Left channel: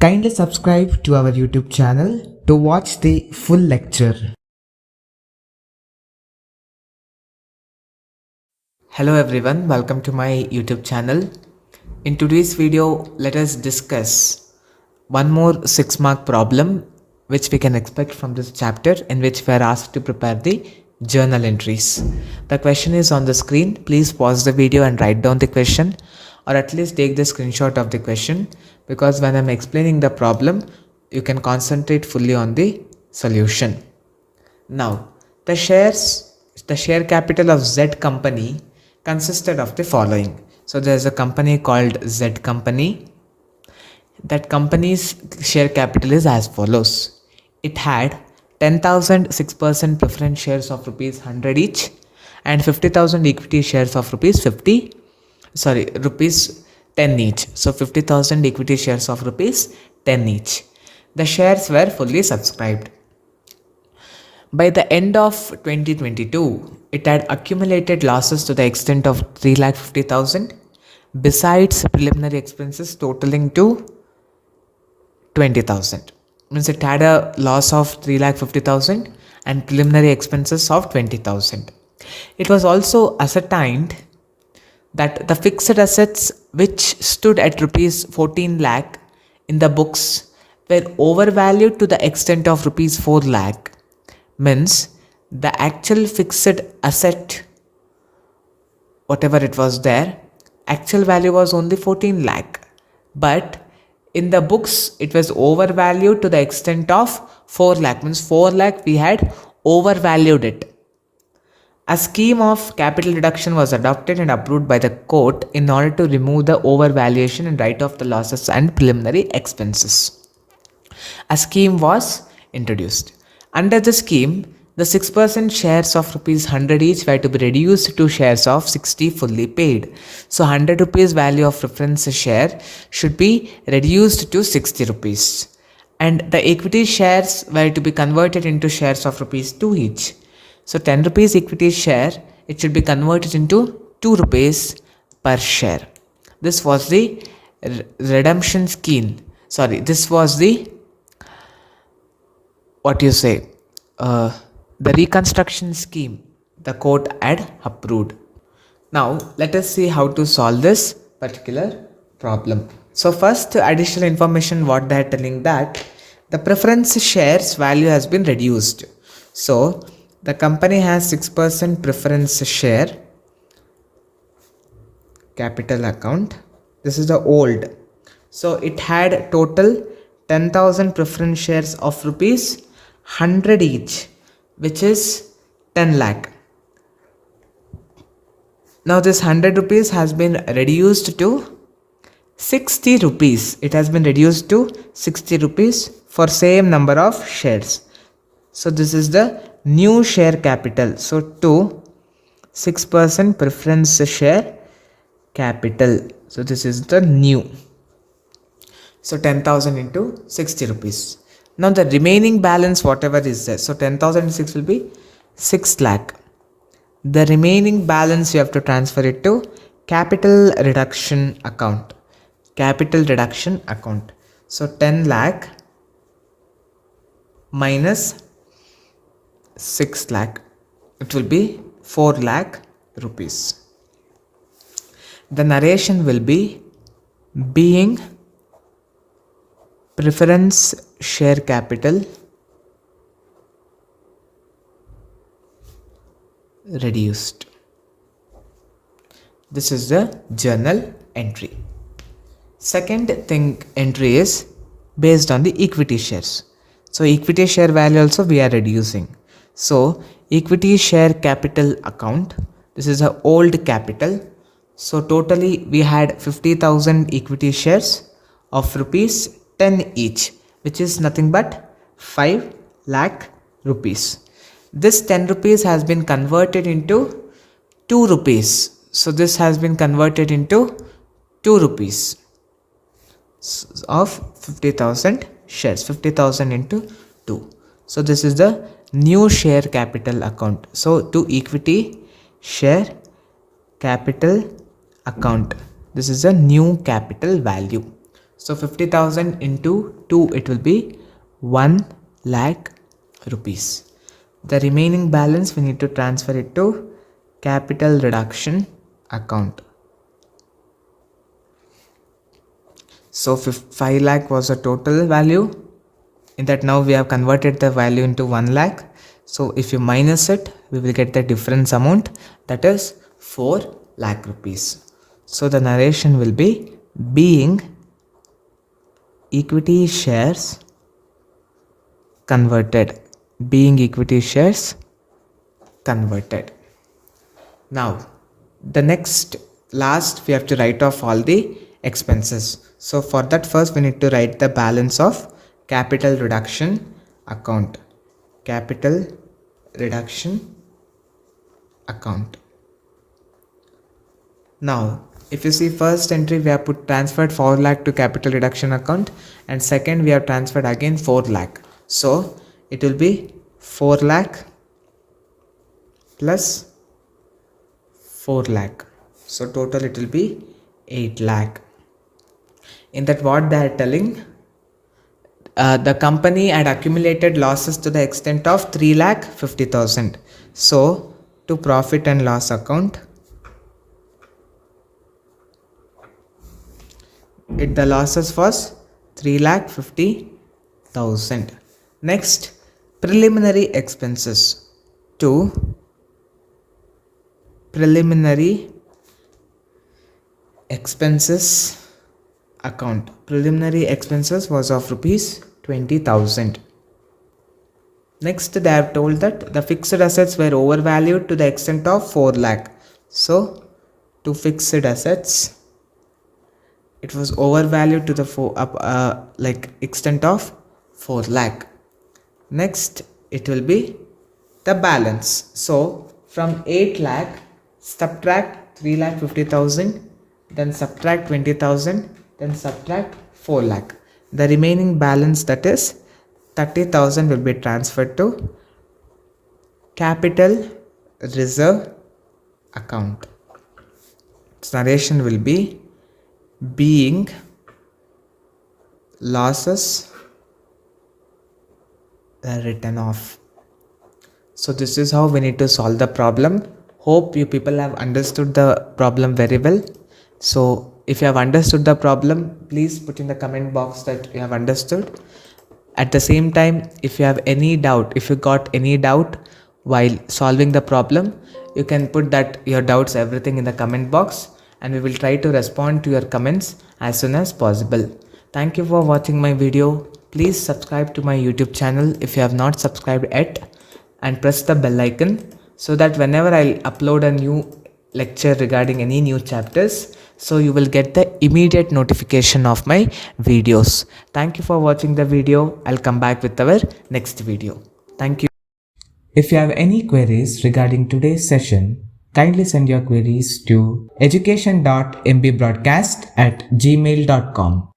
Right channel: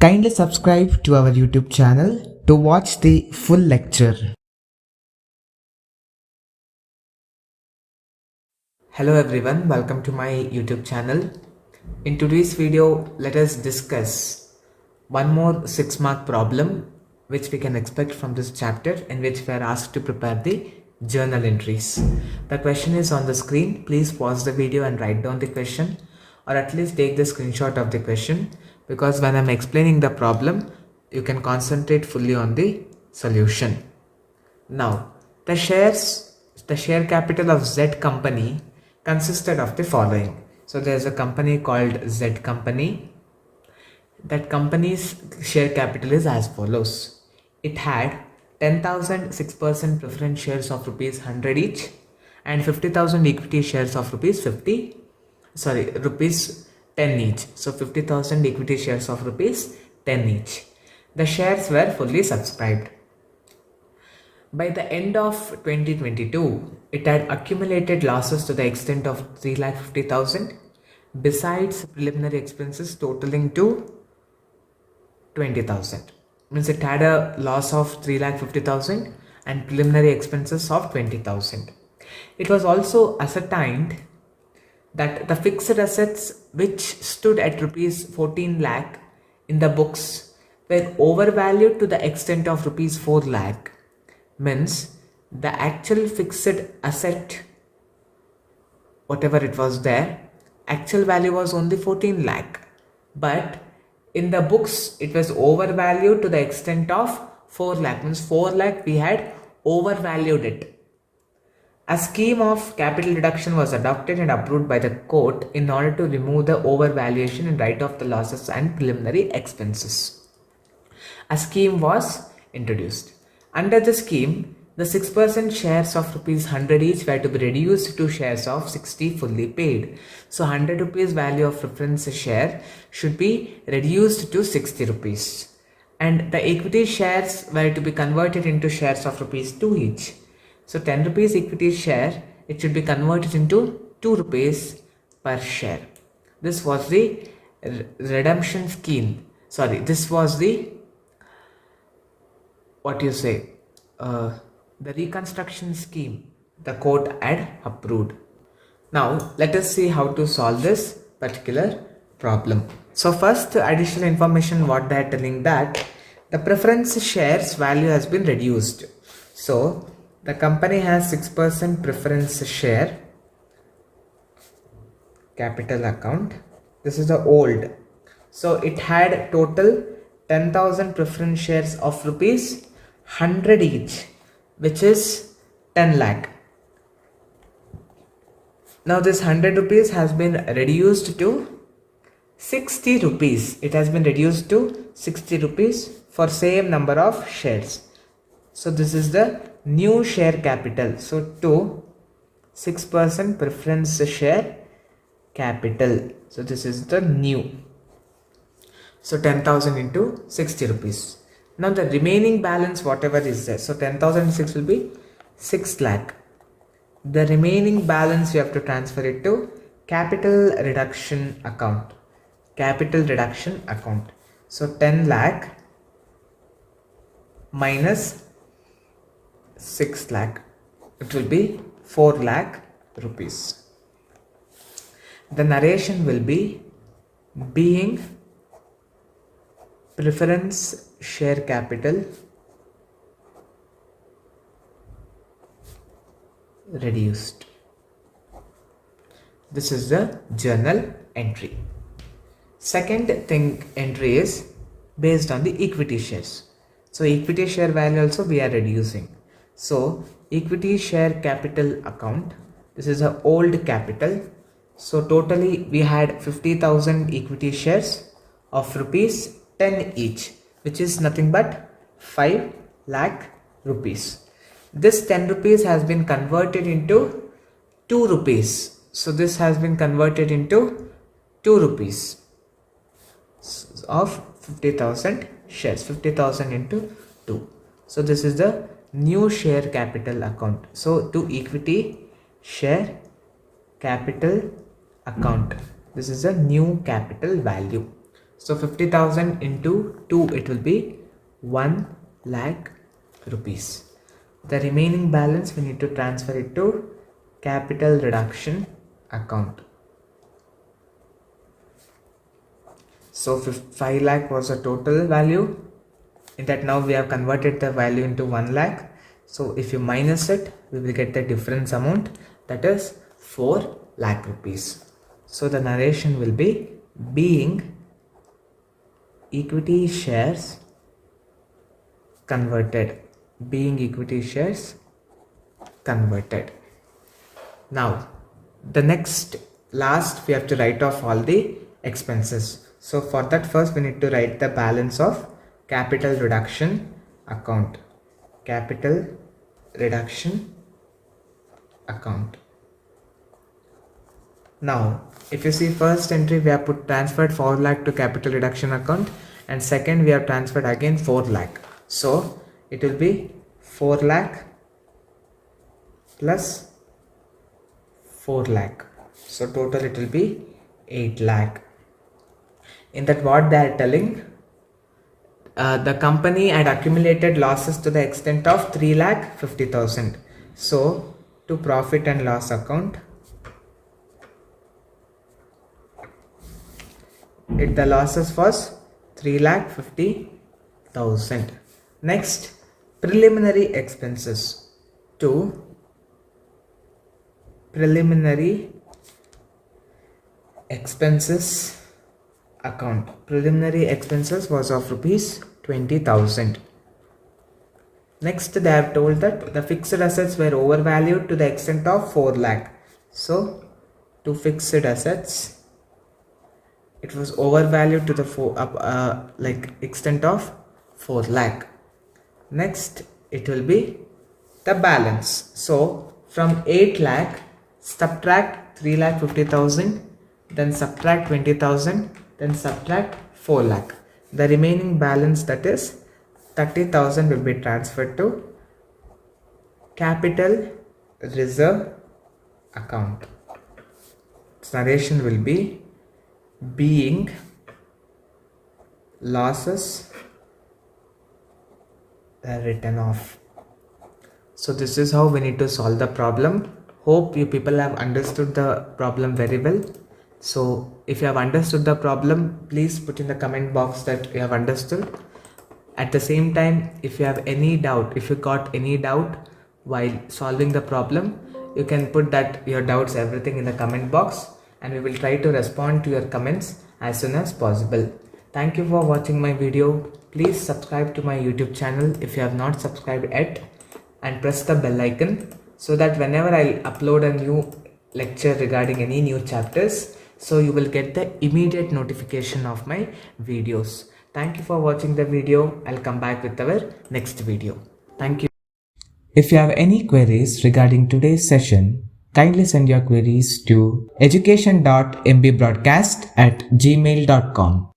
Kindly subscribe to our YouTube channel to watch the full lecture. Hello everyone, welcome to my YouTube channel. In today's video, let us discuss one more 6-mark problem which we can expect from this chapter, in which we are asked to prepare the journal entries. The question is on the screen. Please pause the video and write down the question, or at least take the screenshot of the question, because when I'm explaining the problem, you can concentrate fully on the solution. Now, the share capital of Z company consisted of the following. So there's a company called Z company. That company's share capital is as follows. It had 10,000 6% preference shares of rupees 100 each, and 50,000 equity shares of rupees 10 each. So 50,000 equity shares of rupees 10 each. The shares were fully subscribed. By the end of 2022, it had accumulated losses to the extent of 3,50,000, besides preliminary expenses totaling to 20,000. Means it had a loss of 3,50,000 and preliminary expenses of 20,000. It was also ascertained that the fixed assets which stood at rupees 14 lakh in the books were overvalued to the extent of rupees 4 lakh. Means the actual fixed asset, whatever it was there, actual value was only 14 lakh, but in the books it was overvalued to the extent of 4 lakh. Means 4 lakh we had overvalued it. A scheme of capital reduction was adopted and approved by the court in order to remove the overvaluation and write off the losses and preliminary expenses. A scheme was introduced. Under the scheme, the 6% shares of rupees 100 each were to be reduced to shares of 60 fully paid. So 100 rupees value of preference share should be reduced to 60 rupees. And the equity shares were to be converted into shares of rupees 2 each. So 10 rupees equity share, it should be converted into 2 rupees per share. This was the redemption scheme. This was the uh, the reconstruction scheme the court had approved. Now let us see how to solve this particular problem. So first, additional information what they are telling, that the preference shares value has been reduced. So the company has 6% preference share capital account. This is the old. So it had total 10,000 preference shares of rupees 100 each, which is 10 lakh. Now this 100 rupees has been reduced to 60 rupees. It has been reduced to 60 rupees for same number of shares. So this is the new share capital. So to 6% preference share capital. So this is the new. So 10,000 into 60 rupees. Now the remaining balance whatever is there. So 10,006 will be 6 lakh. The remaining balance you have to transfer it to capital reduction account. Capital reduction account. So 10 lakh minus 6 lakh. It will be 4 lakh rupees. The narration will be being preference share capital reduced. This is the journal entry. Second thing entry is based on the equity shares. So equity share value also we are reducing. So equity share capital account, this is a old capital. So totally we had 50,000 equity shares of rupees 10 each, which is nothing but 5 lakh rupees. This 10 rupees has been converted into 2 rupees. So this has been converted into 2 rupees of 50,000 shares. 50,000 into 2. So this is the new share capital account. So to equity share capital account, this is a new capital value. So 50,000 into 2, it will be 1 lakh rupees. The remaining balance we need to transfer it to capital reduction account. So 5 lakh was the total value. In that now we have converted the value into 1 lakh. So if you minus it, we will get the difference amount, that is 4 lakh rupees. So the narration will be being equity shares converted. Being equity shares converted. Now the last we have to write off all the expenses. So for that, first we need to write the balance of capital reduction account. Capital reduction account. Now if you see, first entry we have put transferred 4 lakh to capital reduction account, and second we have transferred again 4 lakh. So it will be 4 lakh plus 4 lakh. So total it will be 8 lakh. In that, what they are telling, the company had accumulated losses to the extent of 3,50,000. So to profit and loss account, the losses was 3,50,000. Next, preliminary expenses to preliminary expenses account. Preliminary expenses was of rupees 20,000. Next, they have told that the fixed assets were overvalued to the extent of 4 lakh. So to fixed assets, it was overvalued to the extent of 4 lakh. Next, it will be the balance. So from 8 lakh, subtract 3,50,000, then subtract 20,000, then subtract 4 lakh. The remaining balance, that is 30,000, will be transferred to capital reserve account. Its narration will be being losses written off. So this is how we need to solve the problem. Hope you people have understood the problem very well. So if you have understood the problem, please put in the comment box that you have understood. At the same time, if you have any doubt, if you got any doubt while solving the problem, you can put that your doubts, everything in the comment box, and we will try to respond to your comments as soon as possible. Thank you for watching my video. Please subscribe to my YouTube channel if you have not subscribed yet, and press the bell icon so that whenever I upload a new lecture regarding any new chapters, so you will get the immediate notification of my videos. Thank you for watching the video. I'll come back with our next video. Thank you. If you have any queries regarding today's session, kindly send your queries to education.mbroadcast@gmail.com.